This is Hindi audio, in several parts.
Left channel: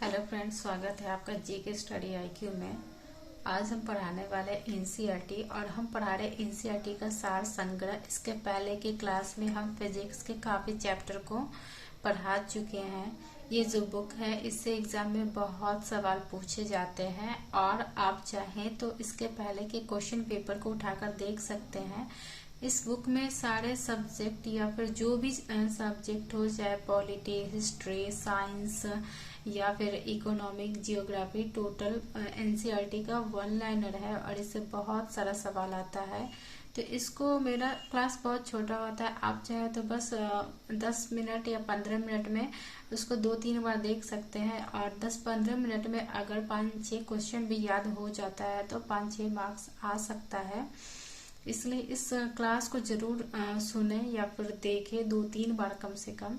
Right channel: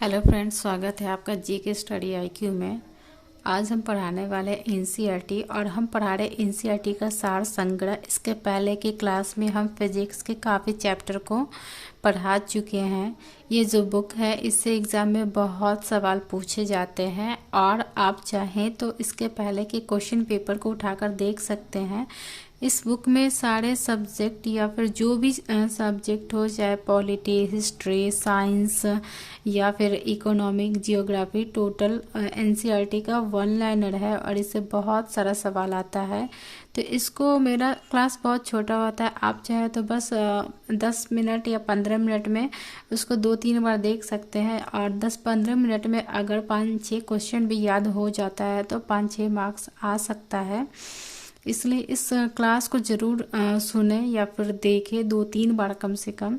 हेलो फ्रेंड्स, स्वागत है आपका जी के स्टडी आईक्यू में। आज हम पढ़ाने वाले एनसीईआरटी और हम पढ़ा रहे एनसीईआरटी का सार संग्रह। इसके पहले की क्लास में हम फिजिक्स के काफ़ी चैप्टर को पढ़ा चुके हैं। ये जो बुक है इससे एग्ज़ाम में बहुत सवाल पूछे जाते हैं और आप चाहें तो इसके पहले के क्वेश्चन पेपर को उठाकर देख सकते हैं। इस बुक में सारे सब्जेक्ट या फिर जो भी सब्जेक्ट हो, चाहे पॉलिटी, हिस्ट्री, साइंस या फिर इकोनॉमिक, जियोग्राफी, टोटल एनसीईआरटी का वन लाइनर है और इससे बहुत सारा सवाल आता है। तो इसको, मेरा क्लास बहुत छोटा होता है, आप चाहे तो बस 10 मिनट या 15 मिनट में उसको 2-3 बार देख सकते हैं और 10-15 मिनट में अगर 5-6 क्वेश्चन भी याद हो जाता है तो 5-6 मार्क्स आ सकता है। इसलिए इस क्लास को ज़रूर सुने या फिर देखें 2-3 बार कम से कम,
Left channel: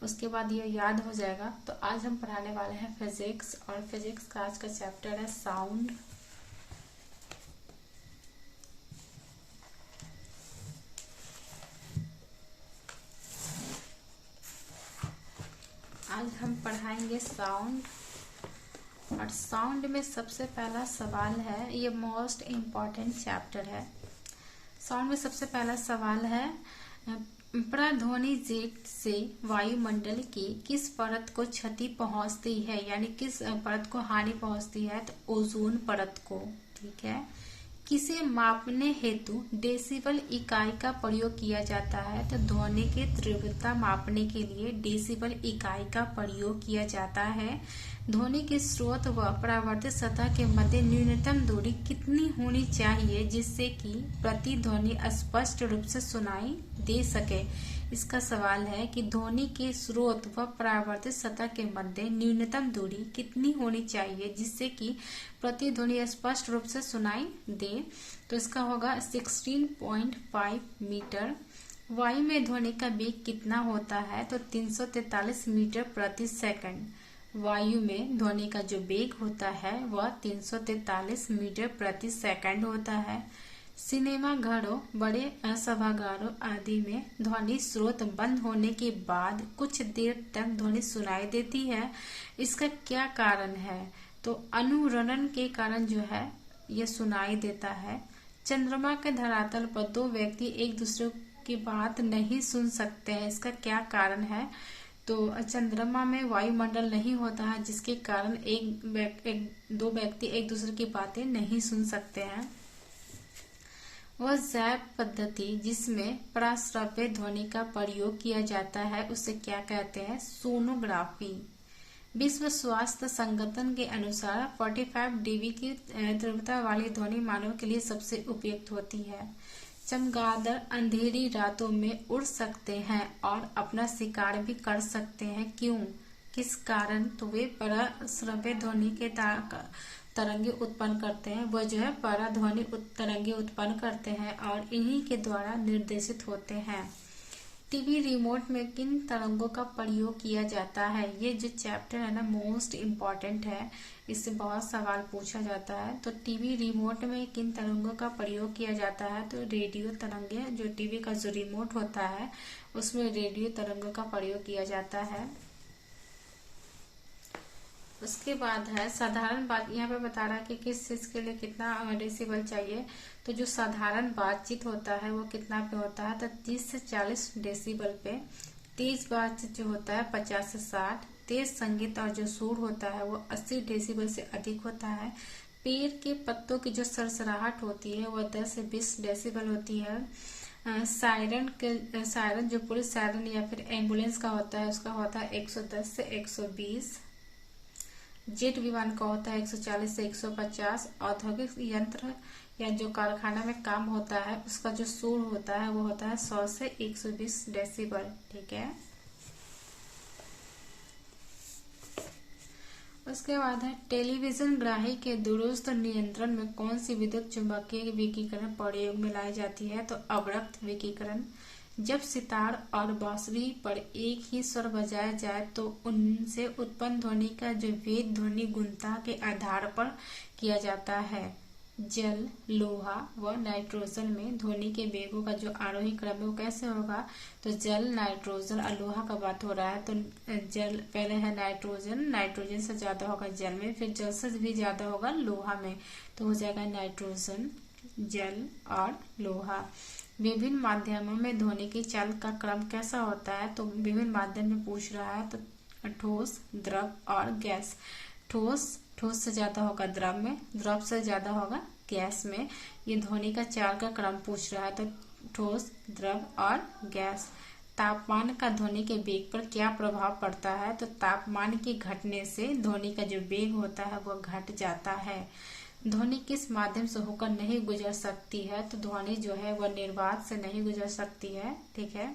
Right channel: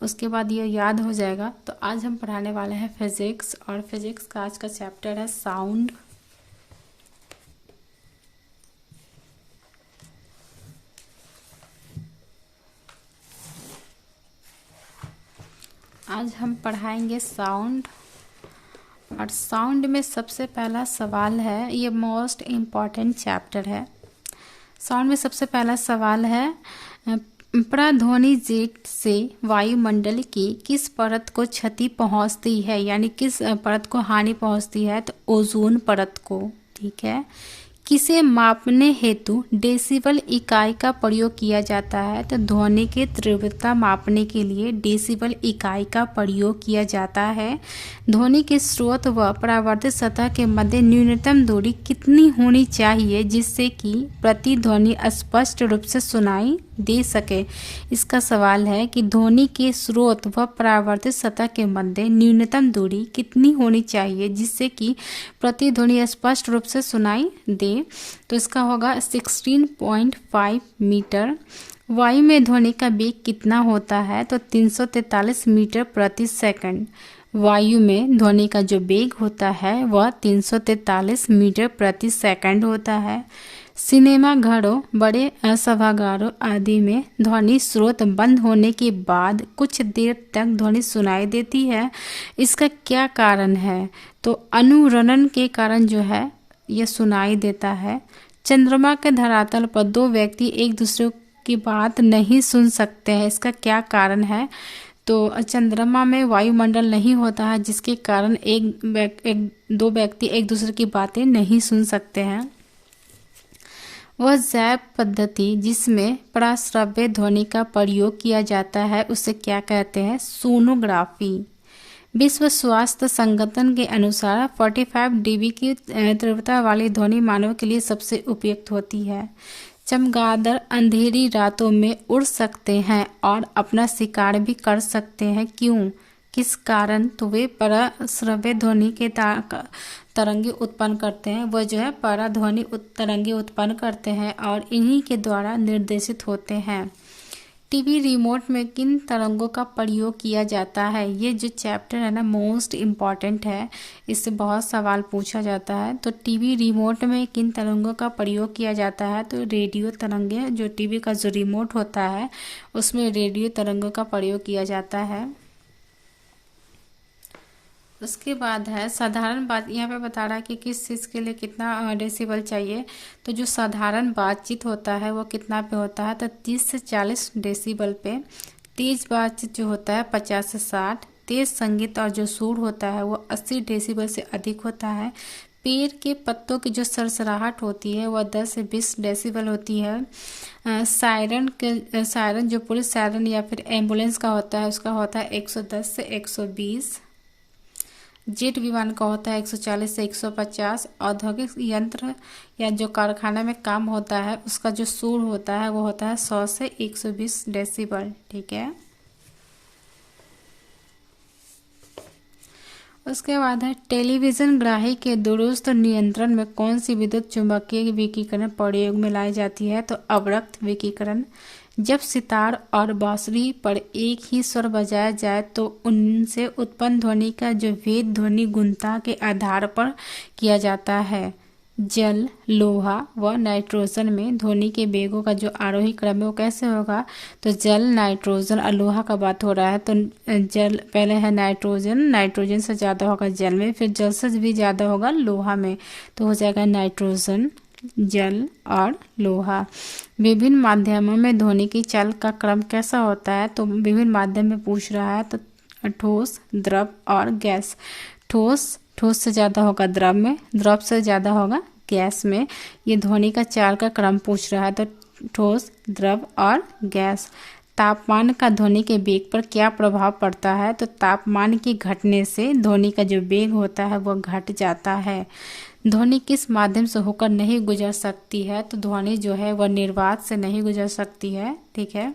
उसके बाद ये याद हो जाएगा। तो आज हम पढ़ाने वाले हैं फिजिक्स और फिजिक्स का आज का चैप्टर है साउंड। आज हम पढ़ाएंगे साउंड और साउंड में सबसे पहला सवाल है, ये मोस्ट इम्पॉर्टेंट चैप्टर है। साउंड में सबसे पहला सवाल है, प्रतिध्वनि जेट से वायुमंडल की किस परत को क्षति पहुंचती है, यानी किस परत को हानि पहुंचती है? तो ओजोन परत को। ठीक है। किसे मापने हेतु डेसिबल इकाई का प्रयोग किया जाता है? तो ध्वनि की तीव्रता मापने के लिए डेसिबल इकाई का प्रयोग किया जाता है। ध्वनि के स्रोत व परावर्तित सतह के मध्य न्यूनतम दूरी कितनी होनी चाहिए जिससे कि प्रतिध्वनि स्पष्ट रूप से सुनाई दे सके? इसका सवाल है कि ध्वनि के स्रोत व परावर्तित सतह के मध्य न्यूनतम दूरी कितनी होनी चाहिए जिससे कि प्रतिध्वनि स्पष्ट रूप से सुनाई दे। तो इसका होगा 16.5 मीटर। वायु में ध्वनि का वेग कितना होता है? तो 343 मीटर प्रति सेकंड। वायु में ध्वनि का जो वेग होता है वह 343 मीटर प्रति सेकंड होता है। सिनेमा घरों, बड़े सभागारों आदि में ध्वनि स्रोत बंद होने के बाद कुछ देर तक ध्वनि सुनाई देती है। इसका क्या कारण है? तो अनुरणन के कारण जो है यह सुनाई देता है। चंद्रमा के धरातल पर दो व्यक्ति एक दूसरे की बात नहीं सुन सकते हैं, इसका क्या कारण है? तो चंद्रमा में वायुमंडल नहीं होता है जिसके कारण दो व्यक्ति एक दूसरे की बातें नहीं सुन सकते हैं। वह जैव पद्धति जिसमें पराश्रव्य ध्वनि का प्रयोग किया जाता है उसे क्या कहते हैं? सोनोग्राफी। विश्व स्वास्थ्य संगठन के अनुसार 45 डीबी की तीव्रता वाली ध्वनि मानव के लिए सबसे उपयुक्त होती है। चमगादड़ अंधेरी रातों में उड़ सकते हैं और अपना शिकार भी कर सकते हैं, क्यों? किस कारण? तो वे पराश्रव्य ध्वनि के तरंगे उत्पन्न करते हैं। वह जो है पराध्वनि तरंगे उत्पन्न करते हैं और इन्हीं के द्वारा निर्देशित होते हैं। टीवी रिमोट में किन तरंगों का प्रयोग किया जाता है? ये जो चैप्टर है ना, मोस्ट इम्पॉर्टेंट है, इससे बहुत सवाल पूछा जाता है। तो टीवी रिमोट में किन तरंगों का प्रयोग किया जाता है? तो रेडियो तरंगे, जो टीवी का जो रिमोट होता है उसमें रेडियो तरंगों का प्रयोग किया जाता है। उसके बाद है साधारण बात। यहाँ पे बता रहा है कि किस चीज़ के लिए कितना डेसिबल चाहिए। तो जो साधारण बातचीत होता है वो कितना पे होता है? तो 30 से 40 डेसिबल पे। तेज बातचीत जो होता है 50 से 60। तेज संगीत और जो सुर होता है वो 80 डेसिबल से अधिक होता है। पेड़ के पत्तों की जो सरसराहट होती है वह 10 से 20 डेसिबल होती है। सायरन जो पुलिस सायरन या फिर एम्बुलेंस का होता है उसका होता है 110 से 120। जेट विमान का होता है 140 से 150। औद्योगिक यंत्र या जो कारखाना में काम होता है उसका जो शोर होता है वो होता है 100 से 120 डेसिबल। ठीक है। उसके बाद है टेलीविजन ग्राही के दूरस्थ नियंत्रण में कौन सी विद्युत चुम्बकीय विकिरण प्रयोग में लाई जाती है? तो अवरक्त विकिरण। जब सितार और बांसुरी पर एक ही स्वर बजाया जाए तो उनसे उत्पन्न ध्वनि का जो भेद ध्वनि गुणता के आधार पर किया जाता है। जल, लोहा व नाइट्रोजन में ध्वनि के वेगों का जो आरोही क्रम है वो कैसे होगा? तो जल, नाइट्रोजन और लोहा का बात हो रहा है, तो जल पहले है नाइट्रोजन, नाइट्रोजन से ज़्यादा होगा जल में, फिर जल से भी ज़्यादा होगा लोहा में, तो हो जाएगा नाइट्रोजन, जल और लोहा। विभिन्न माध्यमों में ध्वनि की चाल का क्रम कैसा होता है? तो विभिन्न माध्यम में पूछ रहा है, तो ठोस, द्रव और गैस। ठोस से ज़्यादा होगा द्रव में, द्रव से ज़्यादा होगा गैस में। ये ध्वनि का चाल का क्रम पूछ रहा है, तो ठोस, द्रव और गैस। तापमान का ध्वनि के वेग पर क्या प्रभाव पड़ता है? तो तापमान के घटने से ध्वनि का जो वेग होता है वो घट जाता है। ध्वनि किस माध्यम से होकर नहीं गुजर सकती है? तो ध्वनि जो है वह निर्वात से नहीं गुजर सकती है, ठीक है।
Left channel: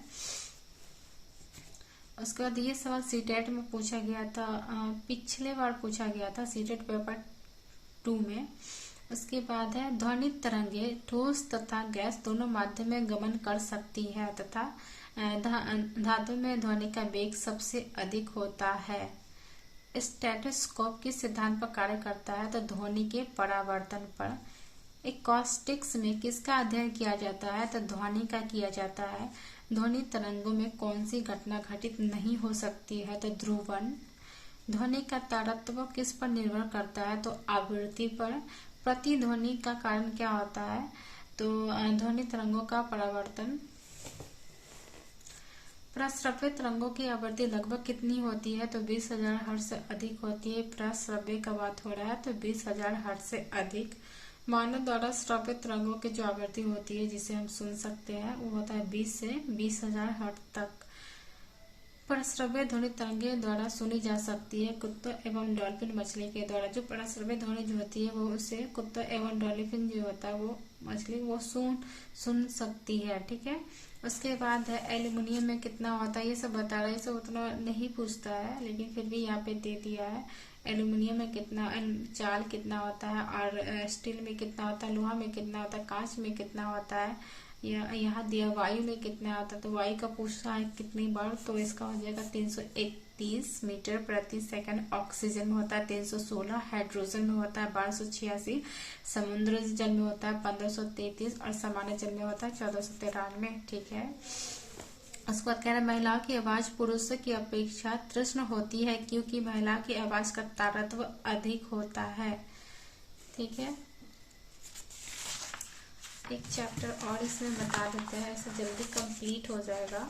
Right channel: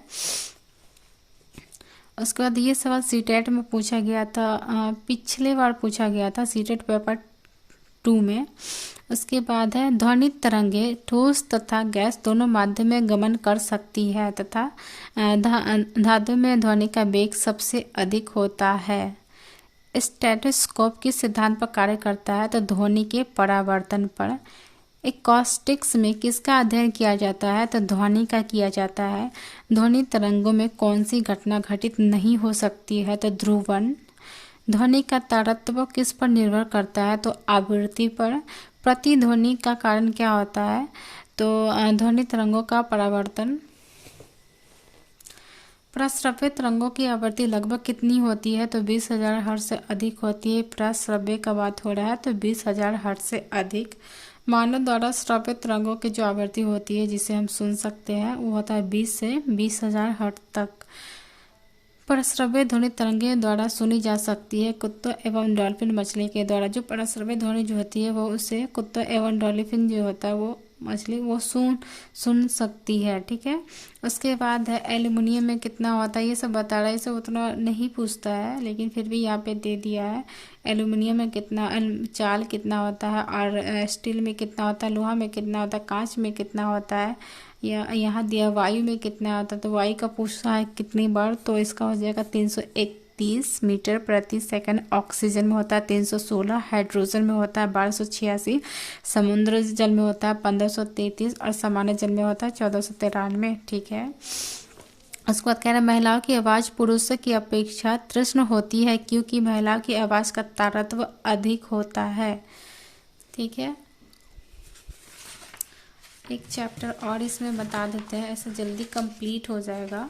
उसके बाद ये सवाल सीटेट में पूछा गया था, पिछले बार पूछा गया था सीटेट पेपर 2 में। उसके बाद है ध्वनि तरंगे ठोस तथा गैस दोनों माध्यम में गमन कर सकती है तथा धातु में ध्वनि का वेग सबसे अधिक होता है। स्टेथोस्कोप किस सिद्धांत पर कार्य करता है? तो ध्वनि के परावर्तन पर। एकॉस्टिक्स में किसका अध्ययन किया जाता है? तो ध्वनि का किया जाता है। ध्वनि तरंगों में कौन सी घटना घटित नहीं हो सकती है? तो ध्रुवण। ध्वनि का तारतम्य किस पर निर्भर करता है? तो आवृत्ति पर। प्रतिध्वनि का कारण क्या होता है? तो ध्वनि तरंगों का परावर्तन। प्रस्रव्य तरंगों की आवृत्ति लगभग कितनी होती है? तो 20,000 हर्ट्ज से अधिक होती है। प्रस्रव्य का बात हो रहा है, तो 20,000 हर्ट्ज से अधिक। मानव द्वारा श्रव्य तरंगों की जो आवृत्ति होती है जिसे हम सुन सकते हैं वो होता है 20 से 20,000 हर्ट्ज तक। परश्रव्य ध्वनि तरंगे द्वारा सुनी जा सकती है। कुत्तों एवं डॉल्फिन मछली के द्वारा जो परश्रव्य ध्वनि जो होती है वो उसे कुत्तों एवं डॉल्फिन जो होता है वो मछली वो सुन सकती है, ठीक है। उसके बाद है एल्युमिनियम में कितना होता है, ये सब बता रहा है, ये सब उतना नहीं पूछता है लेकिन फिर भी यहाँ पे दे दिया है। एल्युमिनियम में कितना चाल कितना होता है, और स्टील में कितना होता है, लोहा में कितना होता है, कांच में कितना होता है, या यहाँ दिया वायु में कितना होता है। तो वायु का पूछा है कितनी बार, तो इसका हो जाएगा 331 मीटर प्रति सेकंड। ऑक्सीजन में होता है 316, हाइड्रोजन में होता है 1286, समुद्र जल में होता है 1533 और सामान्य जल में होता है 1493, ठीक है। उसके बाद कह रहा है महिलाओं की आवाज़ पुरुषों की अपेक्षा तीक्ष्ण होती है क्योंकि महिलाओं की आवाज़ का तारतम्य अधिक होता है, ठीक है। एक चैप्टर और इसमें बता देते हैं, ऐसे जल्दी कंप्लीट हो जाएगा।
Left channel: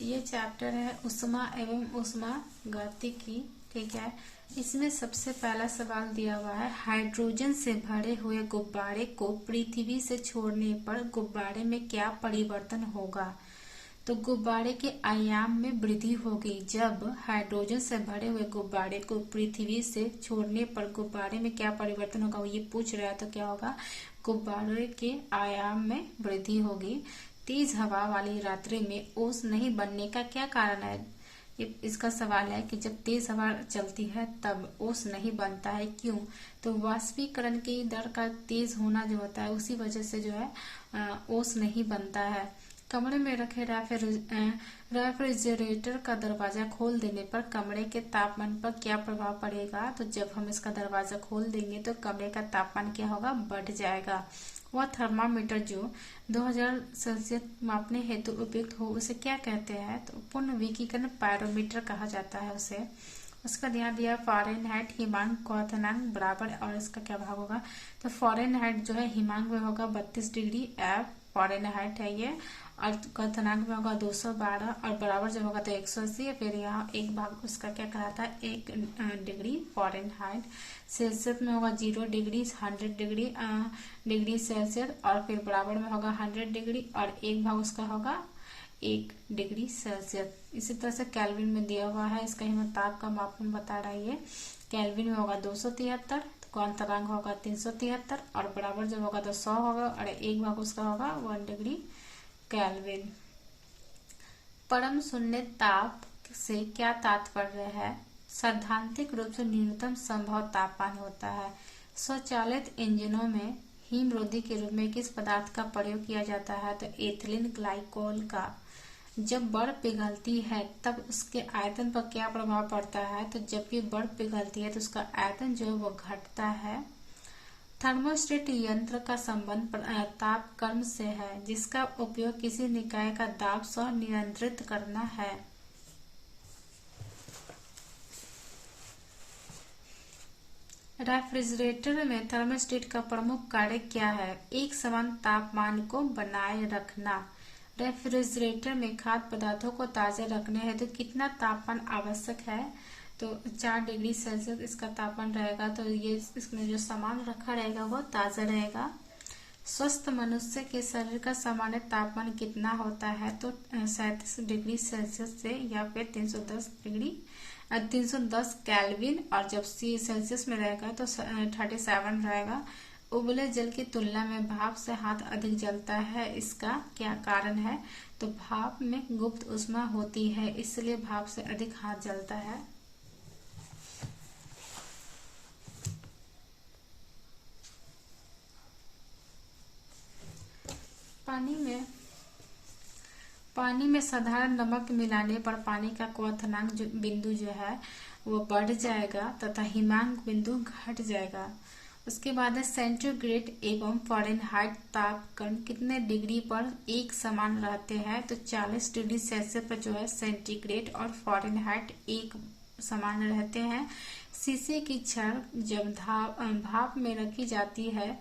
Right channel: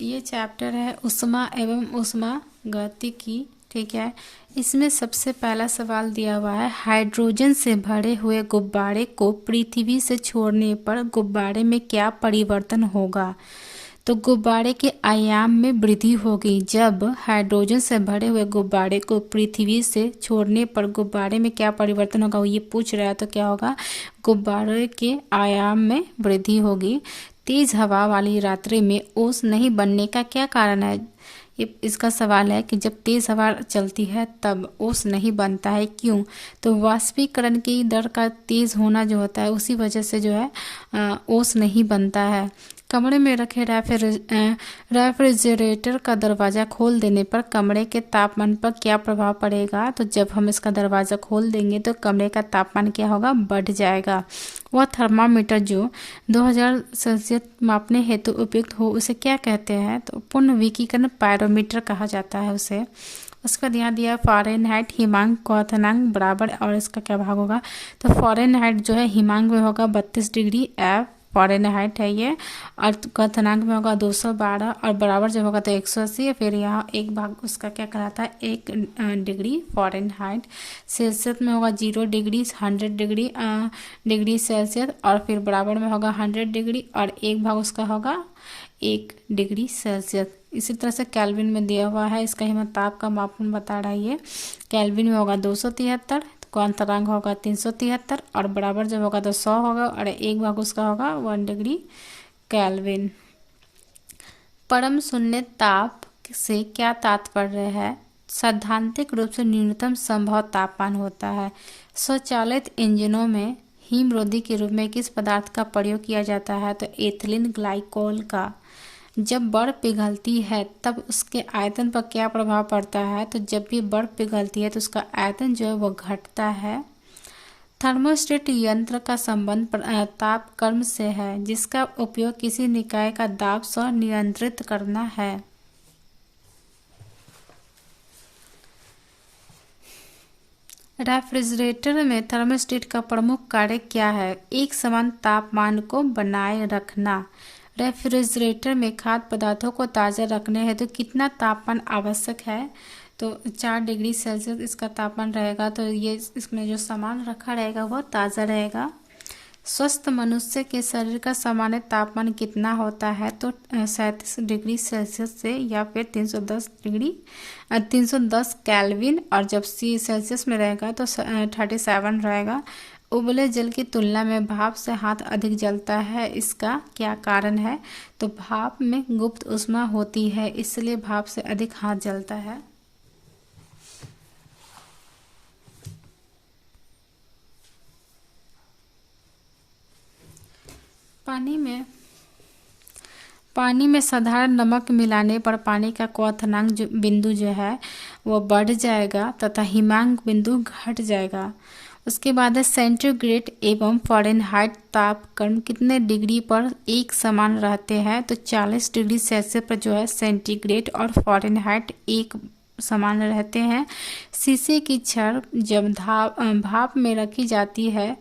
ये चैप्टर है ऊष्मा एवं ऊष्मागतिकी, ठीक है। इसमें सबसे पहला सवाल दिया हुआ है हाइड्रोजन से भरे हुए गुब्बारे को पृथ्वी से छोड़ने पर गुब्बारे में क्या परिवर्तन होगा? तो गुब्बारे के आयाम में वृद्धि होगी। जब हाइड्रोजन से भरे हुए गुब्बारे को पृथ्वी से छोड़ने पर गुब्बारे में क्या परिवर्तन होगा, वो ये पूछ रहा है। तो क्या होगा? गुब्बारे के आयाम में वृद्धि होगी। तेज हवा वाली रात्रि में ओस नहीं बनने का क्या कारण है? ये इसका सवाल है कि जब तेज हवा चलती है तब ओस नहीं बनता है, क्यों? तो वाष्पीकरण की दर का तेज होना जो होता है उसी वजह से जो है ओस नहीं बनता है। कमरे में रखे रेफ्रिजरेटर का दरवाज़ा खोल देने पर कमरे के तापमान पर क्या प्रभाव पड़ेगा? तो जब हम इसका दरवाज़ा खोल देंगे तो कमरे का तापमान क्या होगा? बढ़ जाएगा। वह थर्मामीटर जो 2000 सेल्सियस मापने हेतु उपयुक्त हो उसे क्या कहते हैं? तो पुनर्विकीकरण पायरोमीटर कहा जाता है उसे। उसका ध्यान दिया फ़ारेनहाइट हिमांक क्वथनांक बराबर, और इसका क्या भाग होगा? तो फ़ारेनहाइट जो है हिमांक में होगा 32 डिग्री एफ फ़ारेनहाइट है ये, और क्वथनांक में होगा 212, और बराबर जब होगा तो 180। फिर यहाँ एक भाग उसका क्या कहलाता है? 1 डिग्री फ़ारेनहाइट। सेल्सियस में होगा 0 डिग्री, 100 डिग्री सेल्सियस, और फिर बराबर में होगा 100 डिग्री, और एक भाग उसका होगा 1 डिग्री सेल्सियस। इसी तरह से केल्विन में दिया हुआ है, इसका हिमताप का मापन बता रहा है ये। केल्विन में होगा 273, क्वांटनांक होगा 373, और बराबर जब होगा तो 100 होगा, और एक भाग उसका होगा 1 डिग्री केल्विन। परम शून्य ताप से क्या तात्पर्य है? सैद्धांतिक रूप से न्यूनतम संभव तापमान होता है। स्वचालित इंजनों में हिमरोधी के रूप में किस पदार्थ का प्रयोग किया जाता है? तो एथिलीन ग्लाइकोल का। जब बर्फ पिघलती है तब उसके आयतन पर क्या प्रभाव पड़ता है? तो जब भी बर्फ पिघलती है तो उसका आयतन जो है वो घटता है। थर्मोस्टेट यंत्र का संबंध तापक्रम से है, जिसका उपयोग किसी निकाय का दाब स्वनियंत्रित करना है। रेफ्रिजरेटर में थर्मोस्टेट का प्रमुख कार्य क्या है? एक समान तापमान को बनाए रखना। रेफ्रिजरेटर में खाद्य पदार्थों को ताज़ा रखने हेतु तो कितना तापमान आवश्यक है? तो 4 डिग्री सेल्सियस इसका तापमान रहेगा। तो ये इसमें जो सामान रखा रहेगा वो ताज़ा रहेगा। स्वस्थ मनुष्य के शरीर का सामान्य तापमान कितना होता है? तो 37 डिग्री सेल्सियस से या फिर 310 केल्विन, और जब सेल्सियस में रहेगा तो 37 रहेगा। उबले जल की तुलना में भाप से हाथ अधिक जलता है, इसका क्या कारण है? तो भाप में गुप्त ऊष्मा होती है, इसलिए भाप से अधिक हाथ जलता है। पानी में साधारण नमक मिलाने पर पानी का क्वथनांक बिंदु जो है वो बढ़ जाएगा तथा हिमांक बिंदु घट जाएगा। उसके बाद है सेंटीग्रेड एवं फ़ारेनहाइट तापक्रम कितने डिग्री पर एक समान रहते हैं? तो 40 डिग्री सेल्सियस पर जो है सेंटीग्रेड और फ़ारेनहाइट एक समान रहते हैं। शीशे की छड़ जब भाप में रखी जाती है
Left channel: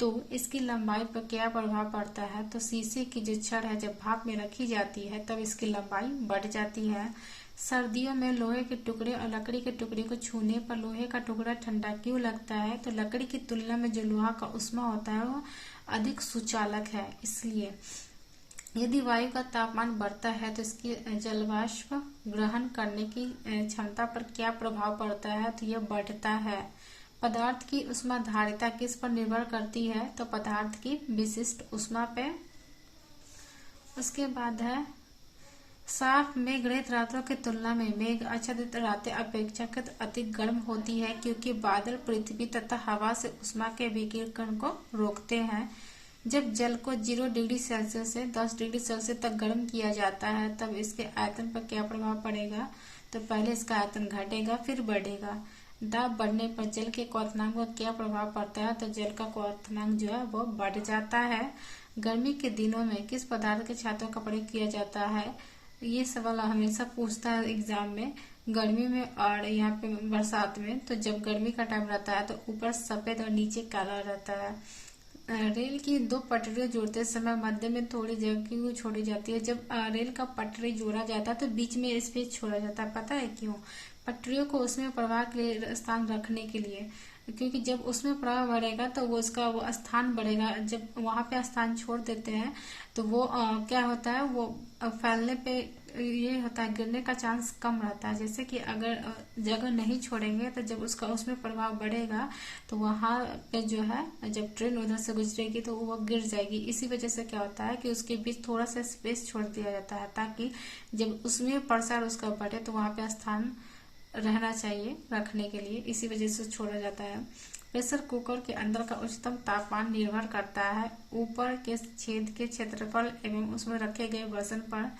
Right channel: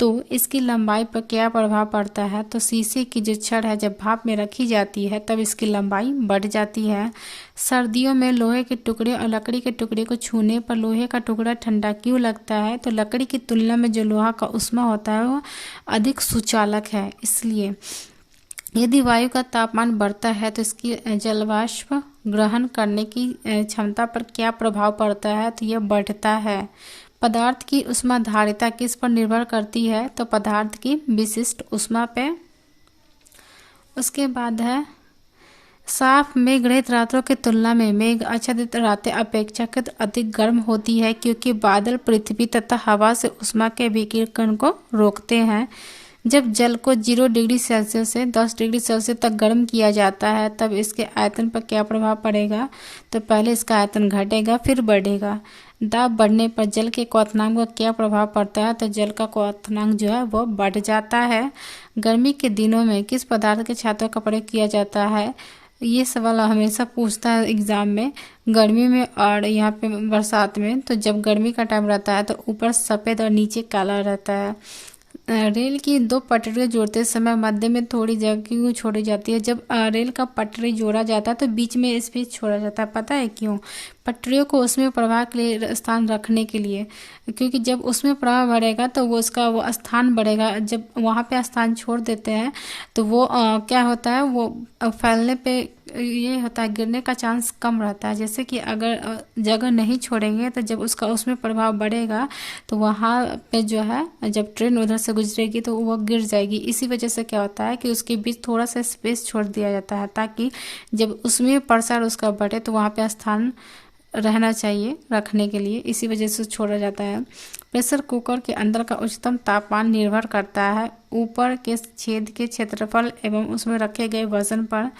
तो इसकी लंबाई पर क्या प्रभाव पड़ता है? तो शीशे की जो छड़ है जब भाप में रखी जाती है तब इसकी लंबाई बढ़ जाती है। सर्दियों में लोहे के टुकड़े और लकड़ी के टुकड़े को छूने पर लोहे का टुकड़ा ठंडा क्यों लगता है? तो लकड़ी की तुलना में जो लोहा का ऊष्मा होता है वो अधिक सुचालक है, इसलिए। यदि वायु का तापमान बढ़ता है तो इसकी जलवाष्प ग्रहण करने की क्षमता पर क्या प्रभाव पड़ता है? तो यह बढ़ता है। पदार्थ की ऊष्माधारिता किस पर निर्भर करती है? तो पदार्थ की विशिष्ट ऊष्मा पे। उसके बाद है साफ मेघ रहित रातों की तुलना में मेघ आच्छादित रातें अपेक्षाकृत अधिक गर्म होती है, क्योंकि बादल पृथ्वी तथा हवा से ऊष्मा के विकिरण को रोकते हैं। जब जल को 0 डिग्री सेल्सियस से 10 डिग्री सेल्सियस तक गर्म किया जाता है तब इसके आयतन पर क्या प्रभाव पड़ेगा? तो पहले इसका आयतन घटेगा फिर बढ़ेगा। दाब बढ़ने पर जल के क्वथनांक पर क्या प्रभाव पड़ता है? तो जल का क्वथनांक जो है वो बढ़ जाता है। गर्मी के दिनों में किस पदार्थ के छातों का प्रयोग किया जाता है? ये सवाल हमेशा पूछता है एग्जाम में, गर्मी में और यहाँ पे बरसात में। तो जब गर्मी का टाइम रहता है तो ऊपर सफ़ेद और नीचे काला रहता है। रेल की 2 पटरियाँ जोड़ते समय मध्य में थोड़ी जगह क्यों छोड़ी जाती है? जब रेल का पटरी जोड़ा जाता है तो बीच में स्पेस छोड़ा जाता है, पता है क्यों? पटरियों को उसमें प्रवाह के लिए स्थान रखने के लिए, क्योंकि जब उसमें प्रवाह बढ़ेगा तो वो स्थान बढ़ेगा। जब वहाँ पे स्थान छोड़ देते हैं तो वो क्या होता है, वो फैलने पे ये होता है, गिरने का चांस कम रहता है। जैसे कि अगर जगह नहीं छोड़ेंगे तो जब उसमें प्रभाव बढ़ेगा तो वहाँ पे जो है जब ट्रेन उधर से गुजरेगी तो वो गिर जाएगी। इसी वजह से क्या होता है कि उसके बीच थोड़ा सा स्पेस छोड़ दिया जाता है, ताकि जब उसमें प्रसार उसका बढ़े तो वहाँ पे स्थान रहना चाहिए रखने के लिए, इसी वजह से छोड़ा जाता है। प्रेशर कुकर के अंदर का उच्चतम तापमान निर्भर करता है ऊपर के छेद के क्षेत्रफल एवं उसमें रखे गए वजन पर।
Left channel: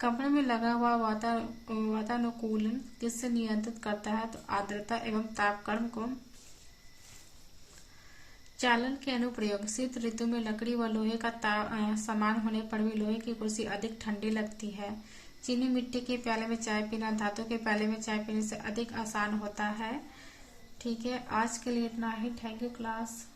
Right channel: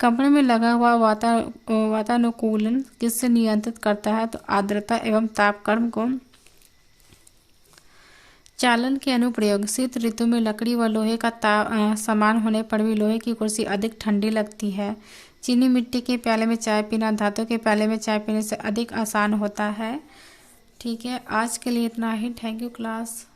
कमरे में लगा हुआ वातानुकूलन किससे नियंत्रित करता है? तो आर्द्रता एवं तापक्रम को। चालन के अनुप्रयोग। शीत ऋतु में लकड़ी व लोहे का समान होने पर भी लोहे की कुर्सी अधिक ठंडी लगती है। चीनी मिट्टी के प्याले में चाय पीना धातु के प्याले में चाय पीने से अधिक आसान होता है। ठीक है, आज के लिए इतना ही। Thank you class.